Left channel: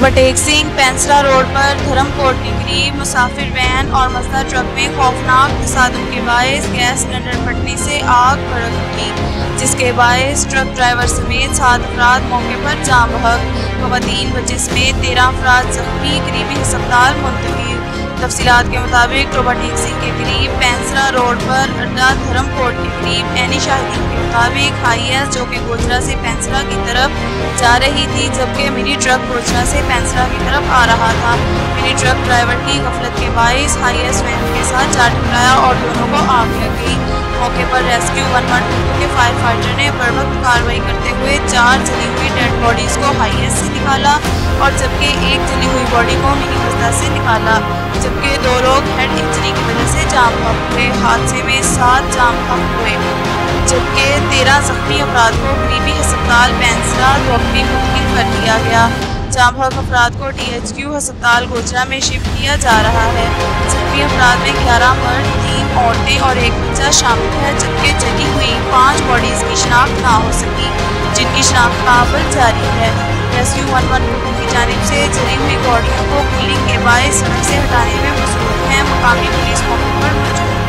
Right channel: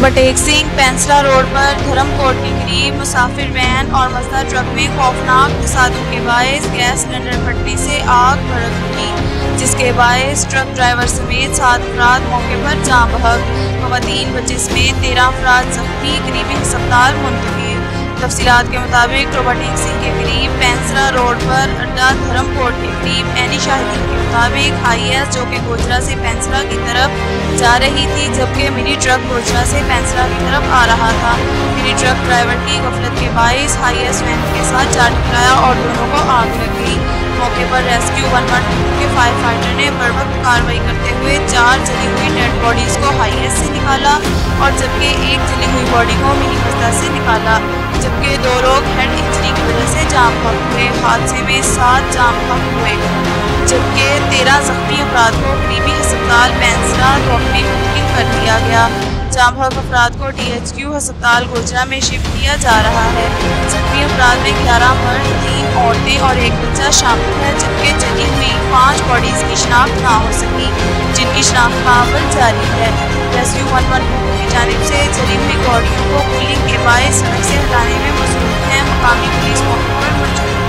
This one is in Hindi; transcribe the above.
टोबटेक सिंह पेंसरा रोड पर धर्मकोट के करीब मुसाफिर वैन और मजदा ट्रक में खौफनाक तसादुम के बायस गैस सिलेंडर फटने से आग भड़क उठी, जिसके बायस ट्रक ड्राइवर समेत 7 अफराद मौके पर जाँ बहक। खवातीन बच्चे समेत 13 अफराद जख्मी करीबी अस्पताल मुंतकिल। तफसीलात के मुताबिक टोबटेक सिंह के करीब पेंसरा रोड पर अड्डा धर्मकोट के करीब एनी शाहिदीन के मुताबिक हाईएस जो कि गोजरा से पेंसरा की तरफ जा रही थी, जबकि मिनी ट्रक गोजरा से पेंसरा की तरफ आ रहा था। मिनी ट्रक ड्राइवर की गफलत के बायस हाईएस वैन के साथ जा टकराया और दोनों को आग लग गई। मौके पर रेस्क्यू 112 के फायर फाइटर ने बर्वक्त कार्रवाई करते हुए 4 जली हुई डेड बॉडीज को हाईएस से निकाला और जबकि एक जली हुई बॉडी को मिनी मजदा से निकाला, जबकि 2 लोग हेड इंजरी की वजह से जाम बहक हुए। हादसे में 7 जाम बहक हुए, जबकि 13 जख्मी अफराद को करीबी अस्पताल पेंसरा रोकने मुंतकिल कर दिया गया। जाम बहक अफराद को THQ अस्पताल गोजरा में शिफ्ट किया जा रहा है। जख्मी अफराद में 11 मर्द, 3 औरतें और 1 बच्चा शामिल है, जबकि जली हुई 5 बॉडीज की शिनाख्त ना हो सकी, जिनकी शिनाख्त का अमल जारी है। रेस्क्यू 112 की जानिब से जली हुई बॉडियों को कूलिंग के बायस सड़क से हटाने में मसरूफ है। मुकामी पुलिस मौके पर मौजूद है।